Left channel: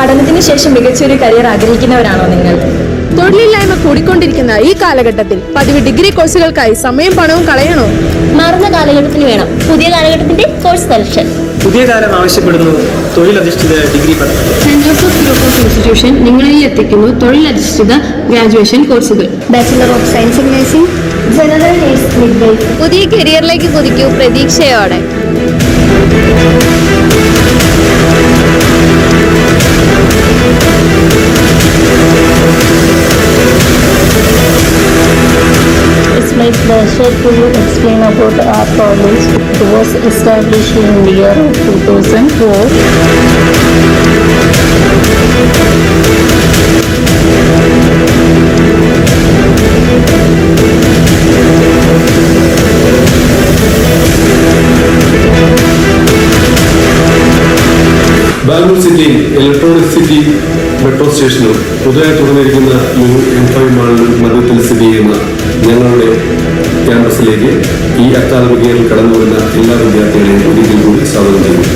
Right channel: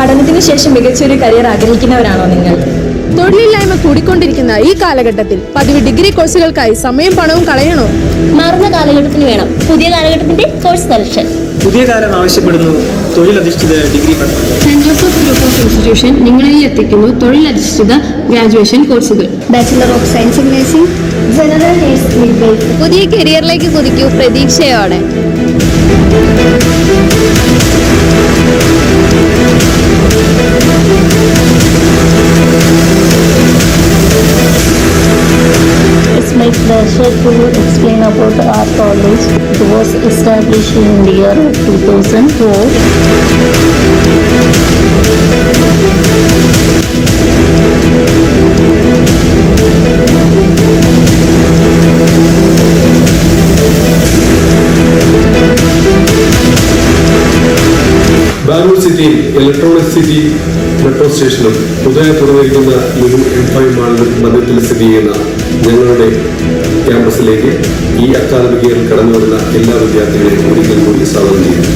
പഠനത്തിന് ശേഷം മികച്ചൊരു കരിയർ ആഗ്രഹിക്കുന്നവരാണോ നിങ്ങൾ? തൊഴിലില്ലായ്മ കൂടിക്കൊണ്ടിരിക്കുന്ന ഈ കാലഘട്ടത്തിൽ പതിവ് ഡിഗ്രി കോഴ്സുകൾക്കായി സമയം പണവും കളയണോ? മാറുന്ന കാലഘട്ടത്തിന് വേണം പുതിയ കാലഘട്ടത്തിന്റെ കോഴ്സ് സെലക്ഷൻ. പുതിയ കാലം ആവശ്യപ്പെടുന്നു തൊഴിലധിഷ്ഠിത ഡിഗ്രി പഠനം. Saint Joseph group of institution നിങ്ങളിൽ എത്തിക്കുന്നു തൊഴിലധിഷ്ഠിത ഗ്രാജുവേഷൻ കോഴ്സുകൾ. Bachelor of science in nursing, general nurse, midwife. പുതിയ കരിയറിലേക്ക് കുതിക്കൂ പ്രതീക്ഷയോടെ. It's my pleasure to explain about our college. It was established in the year of 2004. Bangalore സിറ്റിയിൽ ഇലക്ട്രോണിക് സിറ്റി മെട്രോ സ്റ്റേഷനും പുതുതായി തുറന്നിരിക്കുന്ന new M5 മാളിലും മധ്യത്തിൽ സ്ഥിതി ചെയ്യുന്ന ഞങ്ങളുടെ ക്യാമ്പസിലേക്ക് ഈ അക്കാദമിക് ഇയറിൽ കടന്നു വരുന്ന എല്ലാ വിദ്യാർത്ഥികളെയും ഒരിക്കൽ കൂടി സ്വാഗതം ചെയ്യുന്നു.